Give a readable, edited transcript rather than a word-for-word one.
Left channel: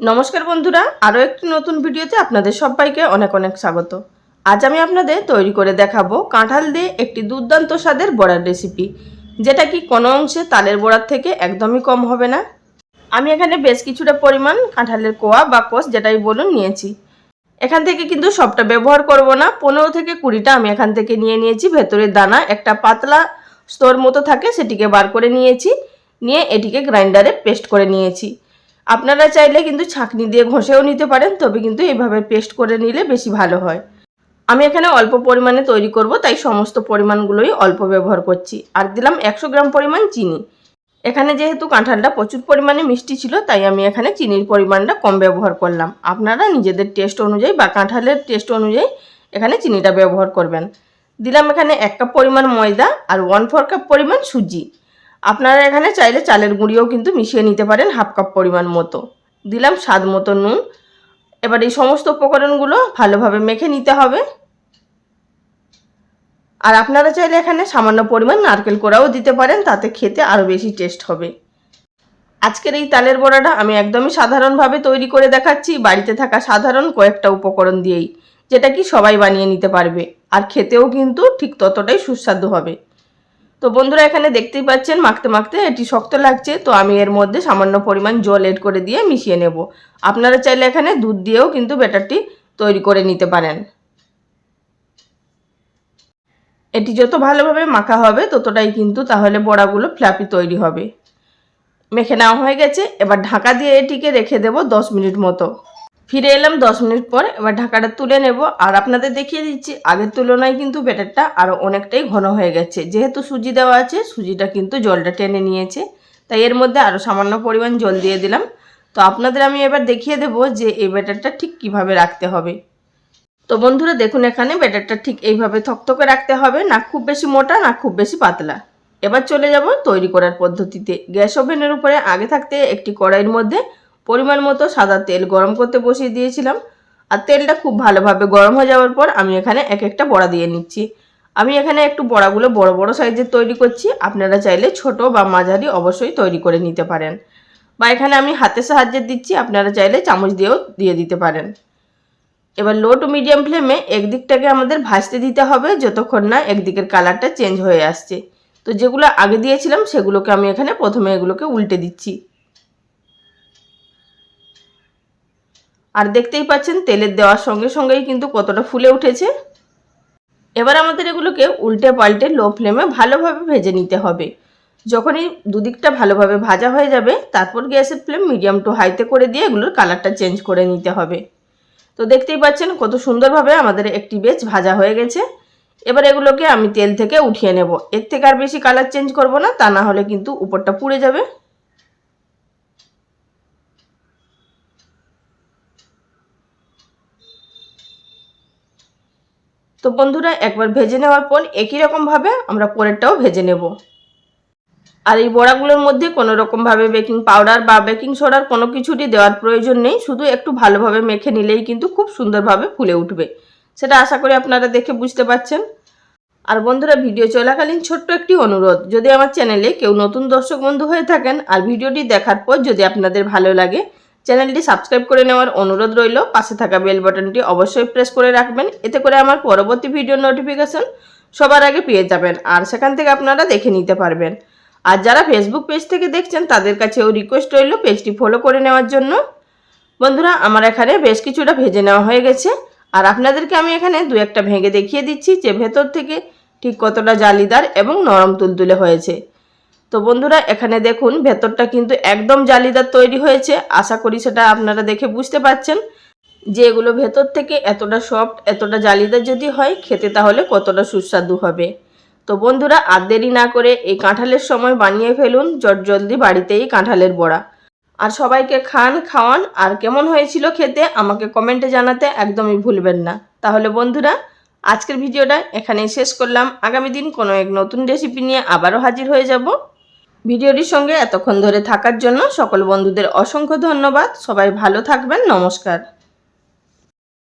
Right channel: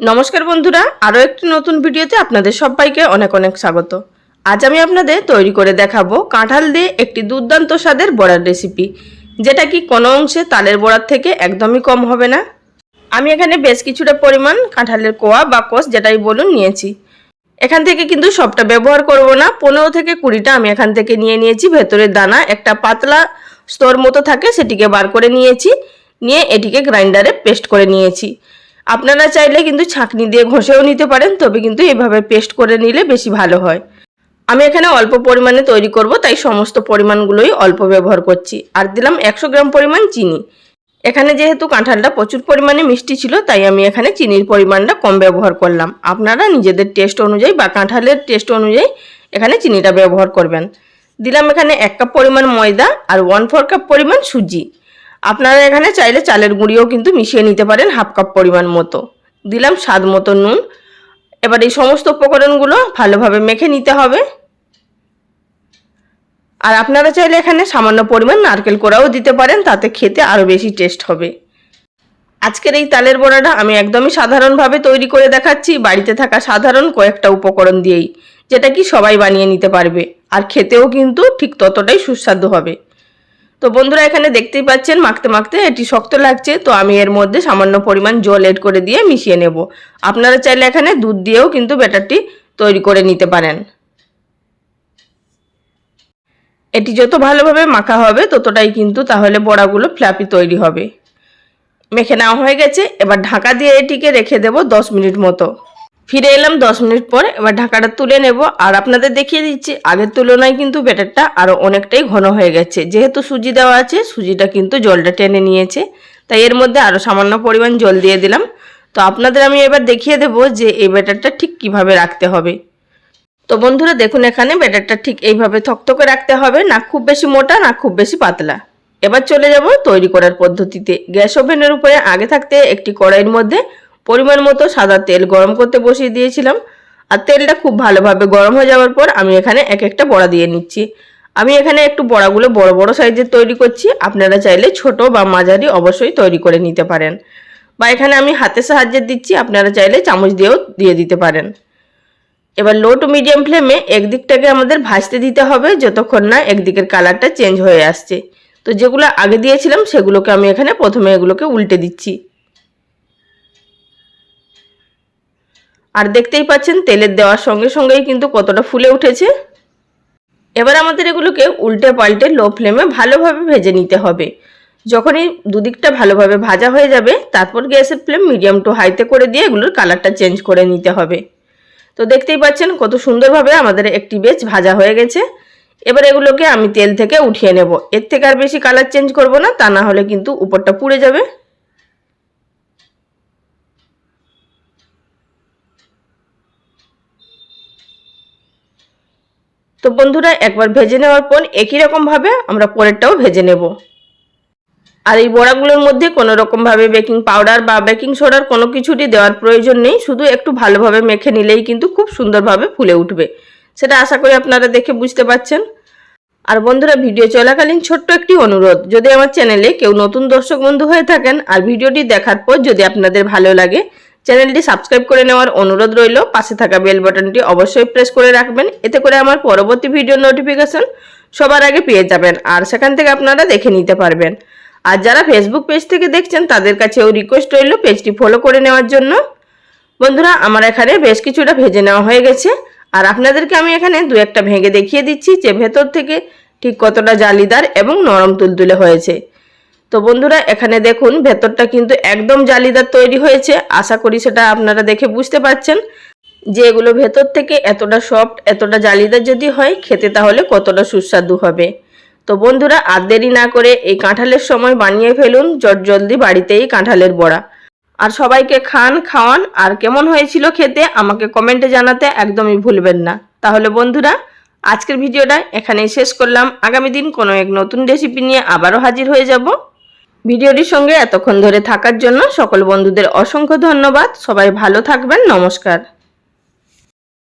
নমস্কার বন্ধুরা, আরও একটি নতুন ভিডিওতে আপনাদের সবাইকে অনেক অনেক স্বাগত। আজ আমি আপনাদের তৈরি করে দেখাবো কাঁঠাল দিয়ে একটি দুর্দান্ত স্বাদের বড়ার রেসিপি, যেটা কি কোনো অংশে তালের বড়ার থেকে একদমই কম হবে না। আমি এখানে বেশ কিছুটা পরিমাণ কাঁঠালের কোয়া বা কষ যেটাই বলুন নিয়েছি। এখান থেকে কিন্তু সবটা ব্যবহার করব না, 15 থেকে 20টা আমি এখান থেকে নিয়ে নিয়েছি। ভেতরের দানা একটা পাতলা স্তর মতো থাকে, সেটিকে বার করে নিয়েছি। নিয়ে এটিকে গ্রাইন্ডারে পেস্ট করে নিয়েছি। আপনারা চাইলে কিন্তু ছাঁকনি দিয়ে ঘষেও নিতে পারেন, তবে কিন্তু এভাবে পেস্ট করে নিলে বেশি ভালো হয়। আমি এখানে অল্প পরিমাণে তৈরি করব, তাই সমস্ত পরিমাণগুলোই অল্প ব্যবহার করছি। আর দিলাম 100 গ্রাম পরিমাণ চিনি। এখানে যেহেতু কাঁঠালটা প্রচুর পরিমাণে মিষ্টি ছিল, তাই আমি এখানে চিনির পরিমাণটা কম ব্যবহার করলাম। আপনারা নিজেদের টেস্ট অনুযায়ী বা কাঁঠালের টেস্ট অনুযায়ী এখানে চিনিটা ব্যবহার করবেন। দিলাম এখানে 1 কাপ পরিমাণ ময়দা আর 1/4 কাপ পরিমাণ সুজি। আপনারা এখানে চাইলে চালের গুঁড়িও কিন্তু মিশিয়ে নিতে পারেন, 1/2 কাপ পরিমাণ মতো। দিলাম স্বাদ মতো নুন। এবার এই সমস্ত উপকরণগুলো ভালোভাবে মেখে নিতে হবে। আর আপনারা চাইলে এখানে সামান্য পরিমাণ নারকেল কোড়াও দিতে পারেন, তাতে খেতে আরও বেশি টেস্ট হবে। আজকের এই তালের বড়াটা আমি একদমই সাধারণভাবে তৈরি করে দেখাচ্ছি, বাড়িতে থাকা সাধারণ কয়েকটা উপকরণ দিয়েই, যেটা কি সবাই বানিয়ে নিতে পারবে। আর খেতেও কিন্তু ঠিক ততটাই সুস্বাদু হবে। তো বন্ধুরা, এখানে দেখতেই পাচ্ছেন মাখতে মাখতে এটি শক্ত লাগছে, তো আমি এর মধ্যে সামান্য পরিমাণ জল এড করে দিয়ে মিশিয়ে নেব। আপনারা চাইলে এখানে দুধ দিয়েও কিন্তু ব্যাটারটি তৈরি করে নিতে পারেন। এটি যত ভালোভাবে মাখা হবে ততটাই কিন্তু তাহলে বড়াগুলো ফ্লাফি তৈরি হবে। মেখে নেওয়া হয়ে গেছে, এবার ঢাকা দিয়ে এটিকে রেখে দেব 10 মিনিট মতো। ফিরে এলাম 10 মিনিট পর। এবার ঢাকাটা তুলে নেব। আর আপনাদের দেখিয়ে দিচ্ছি, আগের তুলনায় কিন্তু ব্যাটারটা আরও অনেকটাই ঘন হয়ে গেছে। যেহেতু সুজি দেওয়া আছে, সুজিটা কিন্তু জলটা টেনে নিয়েছে, তাই এর মধ্যে আরও সামান্য পরিমাণ জল দিয়ে দিলাম। তো আপনাদের আমি এবার দেখিয়ে দেব যে এই ব্যাটারটা ঠিক কিভাবে রাখতে হবে। তো বন্ধুরা দেখুন, এখানে ব্যাটারটা ঠিক এইভাবে থকথকে রাখতে হবে, না খুব বেশি মোটা না খুব বেশি পাতলা। এবার চলে যাব তৈরি করার পদ্ধতিতে। গ্যাস ওভেনের উপরে আগে থাকতে একটি কড়াইয়ের মধ্যে পরিমাণ মতো সাদা তেল গরম করতে বসিয়ে দিয়েছিলাম। আর তেলটা খুব ভালোভাবে গরম হয়ে যাওয়ার পর আমি এখানে এক একটা বড়া দিয়ে নিচ্ছি। আমি এখানে একটু বড়াগুলো বড় বড় সাইজের তৈরি করছি। আপনারা চাইলে ছোট বা মাঝারি অবশ্যই তৈরি করে নিতে পারেন, বা এখানে আমি হাতের সাহায্যে দিচ্ছি, আপনারা চাইলে চামচ দিয়েও দিয়ে দিতে পারেন। এবার লো টু মিডিয়াম ফ্লেমে একদিকটাকে আমাদের ভাজতে দিতে হবে, যতক্ষণ না একদিকের কালারটা চেঞ্জ হয়ে আসছে। তো যেগুলো আগে দিয়েছিলাম সেগুলোকে আমি এখানে প্রথমে এগুলোকে উল্টে দিচ্ছি। আর দেখতেই পাচ্ছেন তেলের দেওয়ার সঙ্গে সঙ্গেই কিন্তু কতটা ফুলে উঠেছে। এবার আমাদের এগুলোকে উল্টে পাল্টে লো ফ্লেমে ভালোভাবে ভেজে নিতে হবে। যখনই দুদিকটা ভালোভাবে ভাজা হয়ে যাবে, তারপর গ্যাসের ফ্লেম মিডিয়াম টু হাইতে করে দিয়ে এগুলোর কালারটা চেঞ্জ করে নিতে হবে। তো দেখতেই পাচ্ছেন কত সুন্দরভাবে আমাদের একটি বেশ ভাজা হয়ে গেছে। এবার এগুলোকে আমি তেল থেকে উঠিয়ে নেব। এর থেকে আর বেশি কালার চেঞ্জ করব না, তা না হলে কিন্তু উপরটা পুড়ে যাবে। তো বন্ধুরা, একবার ভেজে নেওয়ার পর একই রকমভাবে আমরা পরেরটাও ভেজে নেব। আর এই বড়াগুলোর মধ্যে কোনো রকমভাবে বেকিং পাউডার বা বেকিং সোডার কোনো কিছুটি দেওয়ার প্রয়োজন নেই। শুধু একটু ভালোভাবে মেখে নিলেই কিন্তু খুব সুন্দরভাবে ফুলে উঠবে। সেটা আশা করি আপনারা দেখে বুঝতে পারছেন। আর বন্ধুরা, ভিডিও চলাকালীন ছোট্ট একটি অনুরোধ, যদি আমার চ্যানেলে কেউ নতুন দর্শক বন্ধু হয়ে থাকেন আর ভিডিওটি দেখার পর যদি আপনাদের ভালো লাগে, চ্যানেলটি সাবস্ক্রাইব করে নেওয়ার অনুরোধ রইল। পাশে থাকা বেল বাটনটি অবশ্যই প্রেস করে রাখবেন, এতে করে আমার পরবর্তী ভিডিও নোটিফিকেশন সবার আগে পেয়ে যাবেন আর সেখান থেকে আপনারা দেখে নিতে পারবেন। আর যারা ফেসবুক পেজ থেকে দেখছেন তাদের কাছেও রিকোয়েস্ট রইল পেজটি ফলো করে নেওয়ার জন্য। বন্ধুরা, আমার এখানে বেশ কিছুটা ভেজে নেওয়া হয়ে গেছে। আর আপনাদেরকে আমি এখানে দু একটা ভেঙে দেখিয়ে দিচ্ছি যে ভেতর থেকে ঠিক কতটা জালিদার এবং নরম তুলতুলে হয়েছে। তো বন্ধুরা, এখানে দেখুন ভেতরটা কিন্তু একদম জালিদার তৈরি হয়েছে। আশা করি সেটা আপনারা দেখে বুঝতে পারছেন যে এগুলো ভেতর থেকে এতটা সফট, এতটা জালিদার যদি হয়, খেতে তাহলে কতটা সুস্বাদু হবে। তো বন্ধুরা, আর দেরি না করে এই কাঁঠালের সময় বানিয়ে ফেলুন জলদি বাড়িতেই কাঁঠালের বড়া। আর সবাইকে খাওয়ান। আর কেমন হয়েছিল খেতে আমাকে কমেন্টে জানাতে একদমই ভুলবেন না। তাহলে বন্ধুরা, আজকের ভিডিওটা এখানেই শেষ করলাম। আগামী দিন কোনো এক নতুন রেসিপি নিয়ে আবারও হাজির হয়ে যাব। ভিডিওটির সঙ্গে এতক্ষণ ধরে থাকার জন্য সকল বন্ধুদের অসংখ্য ধন্যবাদ। সবাই ভালো থাকবেন। নমস্কার।